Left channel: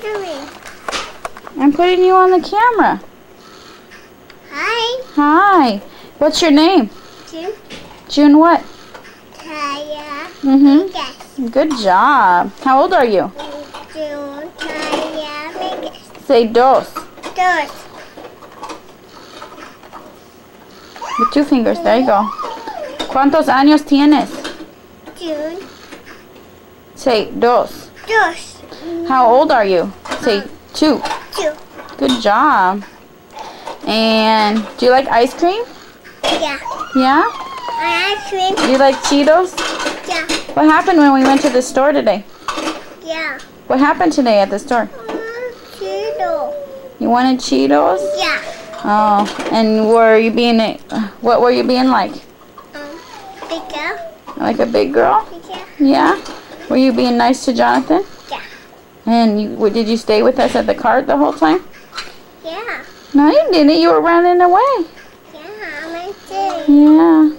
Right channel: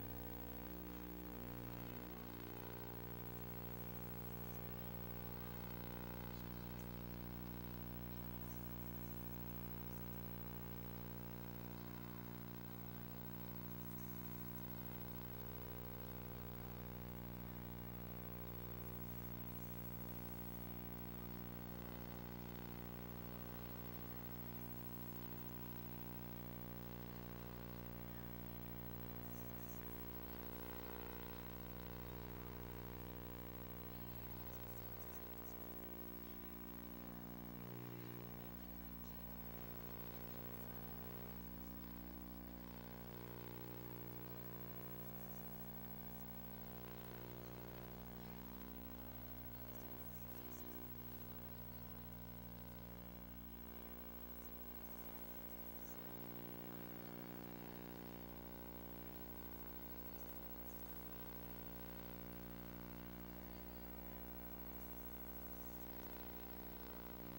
doing? I'm putting you on the camera. Hi. Hi. What's your name? June. June what? Taya. Mm-hmm. Good job. How old are you? June. Taya. Miguels. Say dos. Dos. With 2 fingers. There you go. ¿Cuántos años tienes? June. Say dos. Dos. How old are you? Say 2. 2. Good job. And do you like ice cream? Yeah. Yeah? Ice cream. Do you like Cheetos? Yeah. What happened when we went to the store today? Yeah. What happened today at the store? Cheeto. You wanted Cheetos? Yeah. Oh, and what were you being like? Big girl. Like a big girl? Yeah. Yeah? Were you being nice to Jonathan? Yeah. And did you stay with us at the cart the whole time? Yeah. No, you didn't. You were running away. Yeah, I did. Yeah.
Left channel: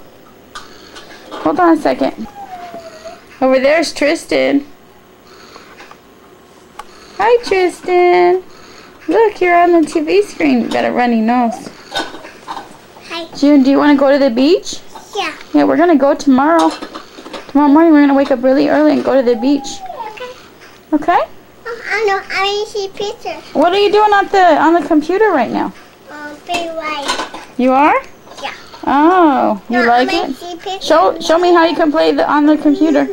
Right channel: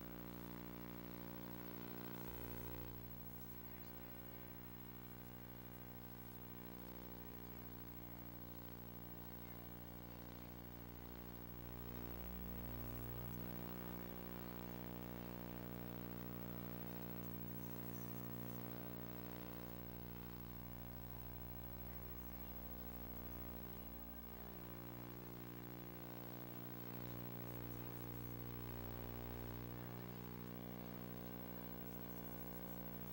Hold on a second. Over there's Tristan. Hi, Tristan. Look, you're on the TV screen. You got a runny nose. Hi. June, do you want to go to the beach? Yeah. Yeah, we're going to go tomorrow. Tomorrow morning, we're going to wake up really early and go to the beach. Okay. Okay? I know. I want to see pictures. What are you doing on the computer right now? Big light. You are? Yeah. Oh, you like I it? see pictures. Show me how you can play on the computer.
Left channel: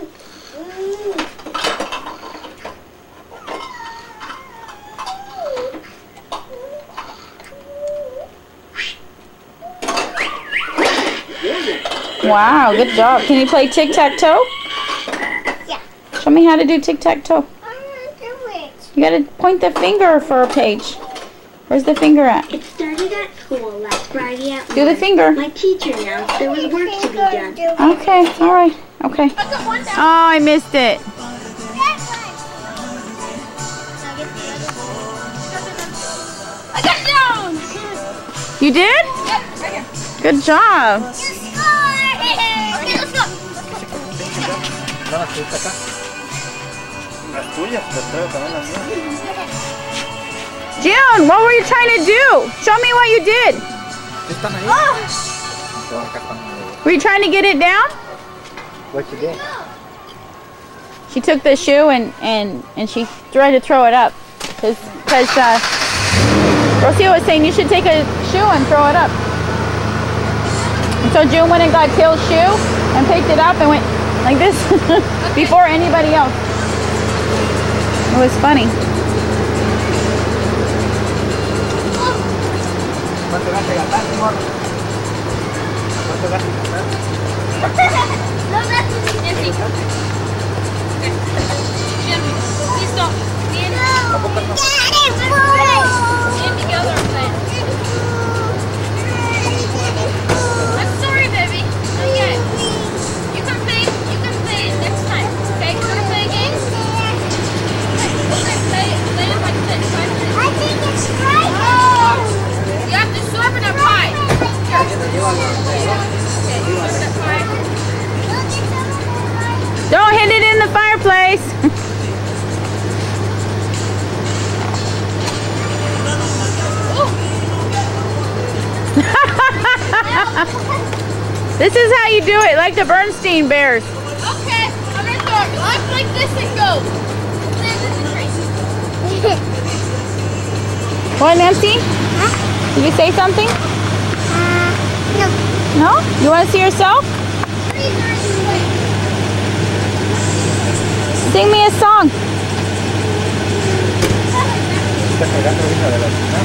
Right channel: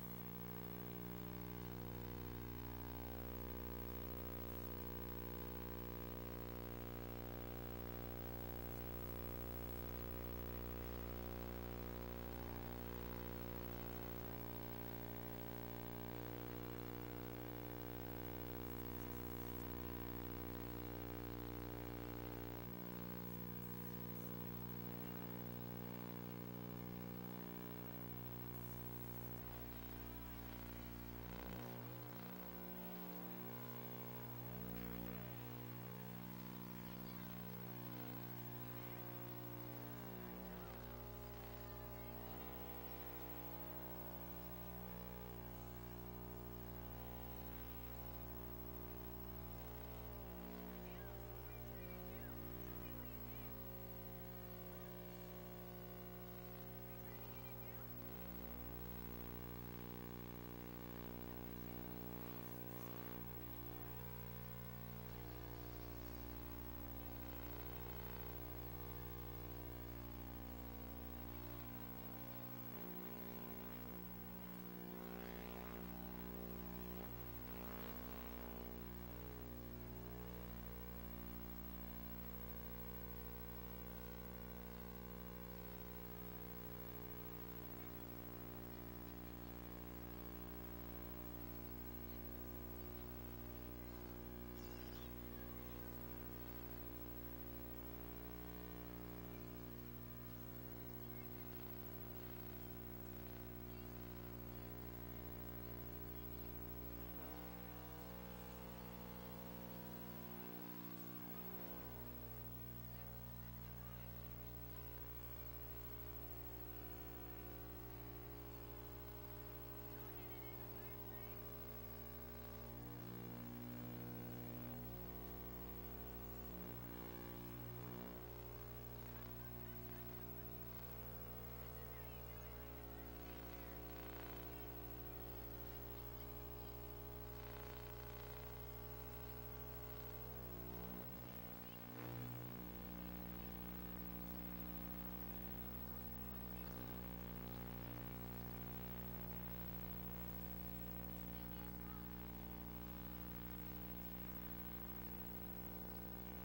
Wow, good job. Can you play tic-tac-toe? Yeah. Show me how to do tic-tac-toe. I want to do it. You gotta point the finger for a page. Where's the finger at? It started at school last Friday at Do the 1. finger. My teacher announced there was work to be done. Okay, alright. Okay. Oh, I missed it. I got it down. You did? Yep, right here. Good job. Okay, let's go. June, what were you trying to do? Show me what you did. Were you trying to get it down? What you did? She took the shoe and she tried to throw it up. Because Rocio was saying you should take a shoe and throw it up. And so June went and got Kill's shoe and picked it up and went like this before anybody else. It was funny. ¿Cuánto gaste gastar, amor? ¿Cuánto gaste gastar? No, that's Nancy. Jim, please stop. Get it, boy! And together are playing. I'm sorry, baby. Not yet. You can play it next time. Okay, you wanna play a game? Okay, play it like this. 5 minutes. I think it's right. Oh! You have to serve in a pie. Don't hit it in the fireplace. This is how you do it, like the Bernstein Bears. Okay, I'm gonna throw it up like this and go. What, Nancy? Did you say something? No. No? You want to see yourself? Sing me a song. Está cargando ahorita de la cocina.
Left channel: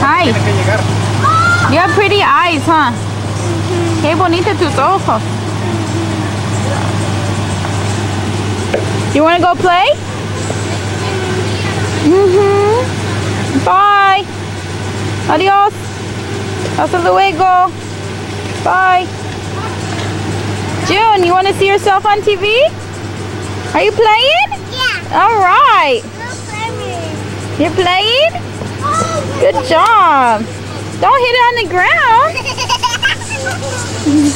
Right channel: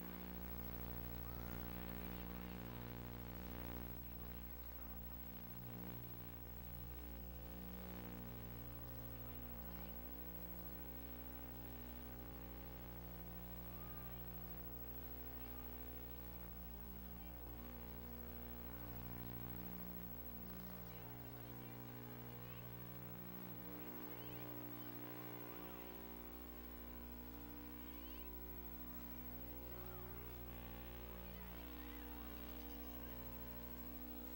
Hi. Tiene que llegar. You have pretty eyes, huh? Qué bonita tus ojos. You want to go play? Bye. Adios. Hasta luego. Bye. June, you want to see yourself on TV? Are you playing? Yeah. All right. You're playing? Good job. Don't hit it on the ground.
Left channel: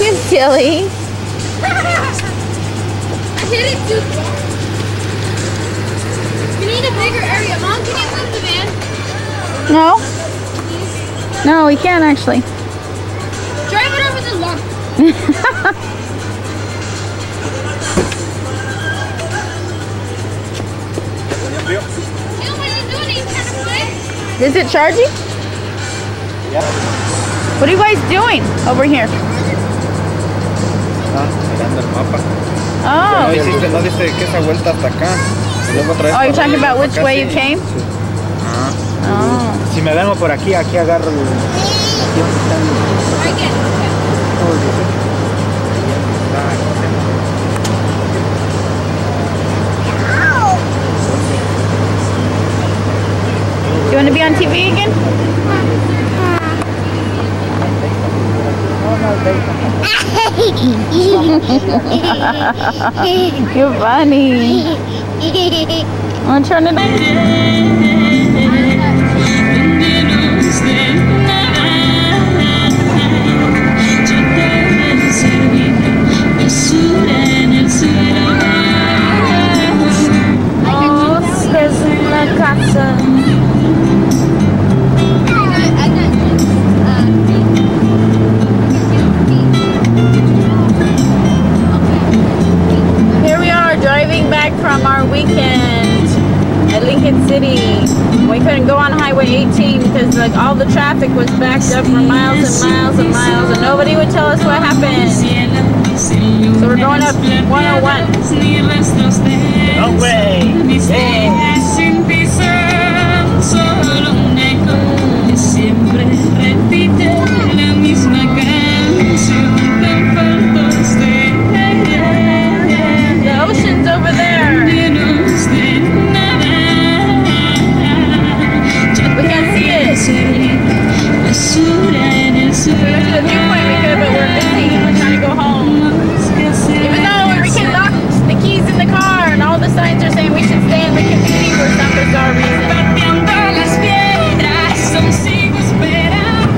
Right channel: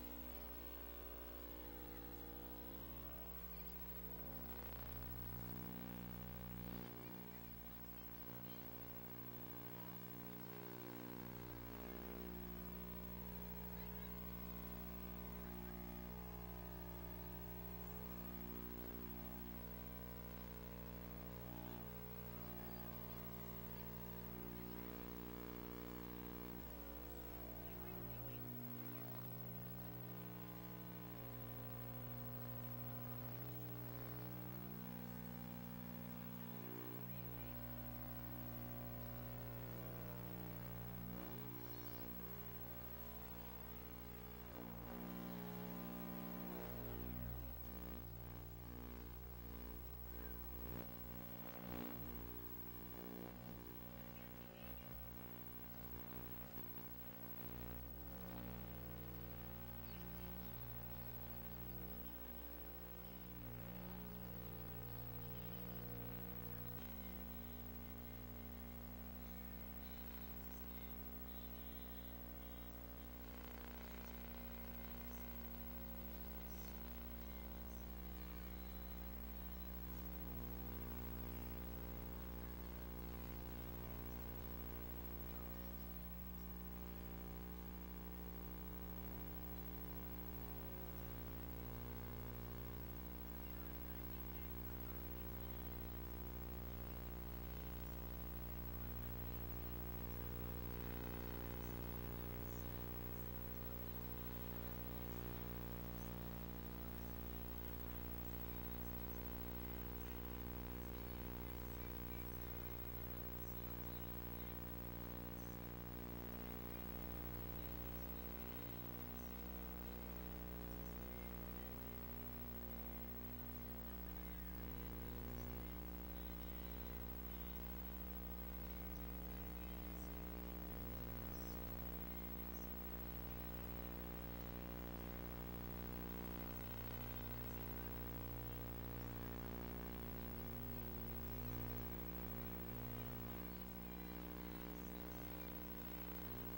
You're silly. I hit it too far. You need a bigger area. Mom, can you move the van? No. No, we can't actually. Drive it over the lawn. Jill, what are you doing? Are you trying to play? Is it charging? Yeah. What are you guys doing over here? Ah, mirando el mapa. Oh. No dice que esa vuelta hasta acá. Y luego otra vez Oh, you're para talking arriba, about which acá, way sí. you came? Sí. Ajá. Oh. Si me vengo por aquí, aquí agarro el... Aquí donde están los... Right, get it. todos los- ahí donde está, ¿cómo se llama? You want to be on TV again? You're funny. Want to turn it on? Here we are driving back from our weekend at Lincoln City. We couldn't go on Highway 18 because like all the traffic was backed up for miles and miles and miles, and nobody would tell us what happened. So we're going up 101. No way. The ocean's over there. We can't see it. If we went to the viewpoint, we could, but we're busy. We're trying to go home. Even though Enrique locked the keys in the car and all the signs are saying we should stay in Lincoln City for some bizarre reason.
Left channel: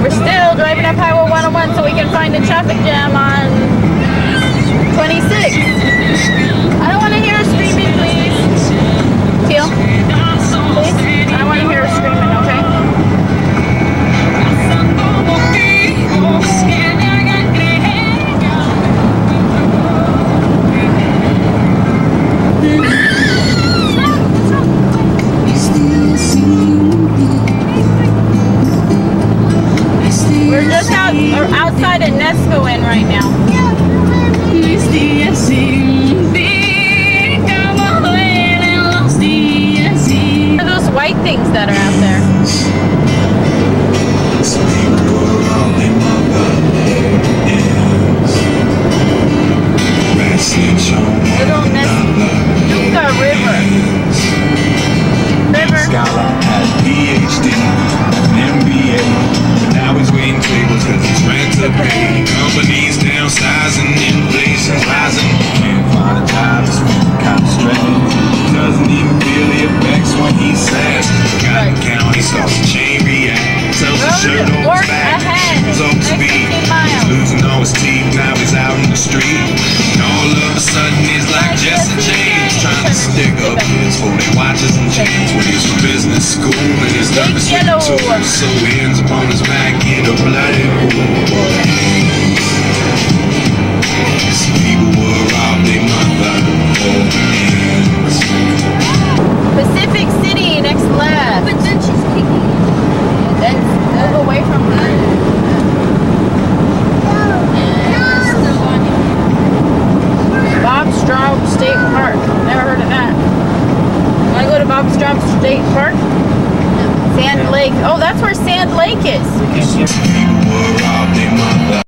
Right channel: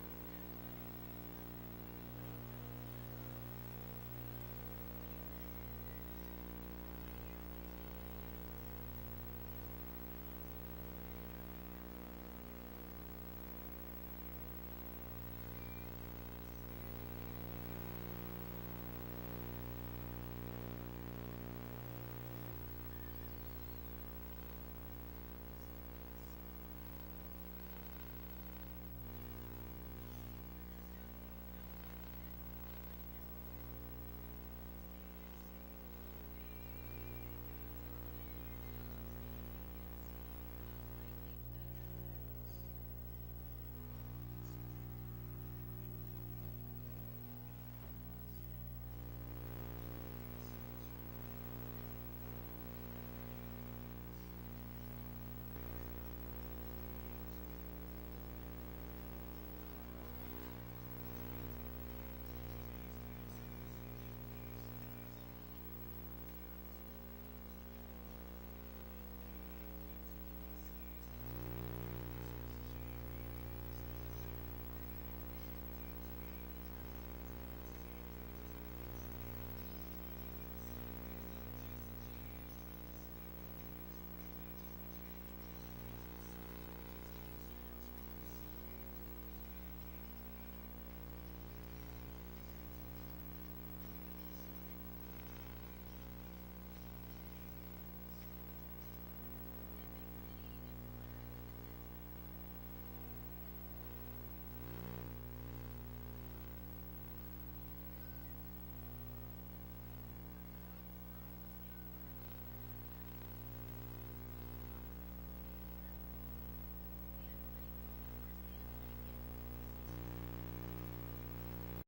We're still driving up Highway 101 so we can find a traffic jam on 26. I don't want to hear her screaming, please. Teal, please. I don't want to hear her screaming, okay? We're just outside of Nescoin right now. What are those white things that are out there? Little Nescoin River. Scholar, had PhD, MBA. Now he's waiting tables cause he's rent to pay. Companies downsizing, inflation's rising. Can't find a job, it's kind of strange. Doesn't even feel the effects when he says. Got to count, he starts to chain react. Tells the shirt on his back. He's up to speed. He's losing all his teeth, now he's out in the street. And all of a sudden he's like Jesse James, trying to stick up his 40 watches and chains when he's from business school and his nervous with the tools. So he ends up on his back in a bloody pool. Some people were robbed, they mother hands. Pacific City, next left. But then she's kicking. Then move away from her. Bob Straub State Park. Never heard of that. Want to go to Bob Straub State Park? Sand Lake. Oh, that's where Sand Lake is. People were robbed, they mother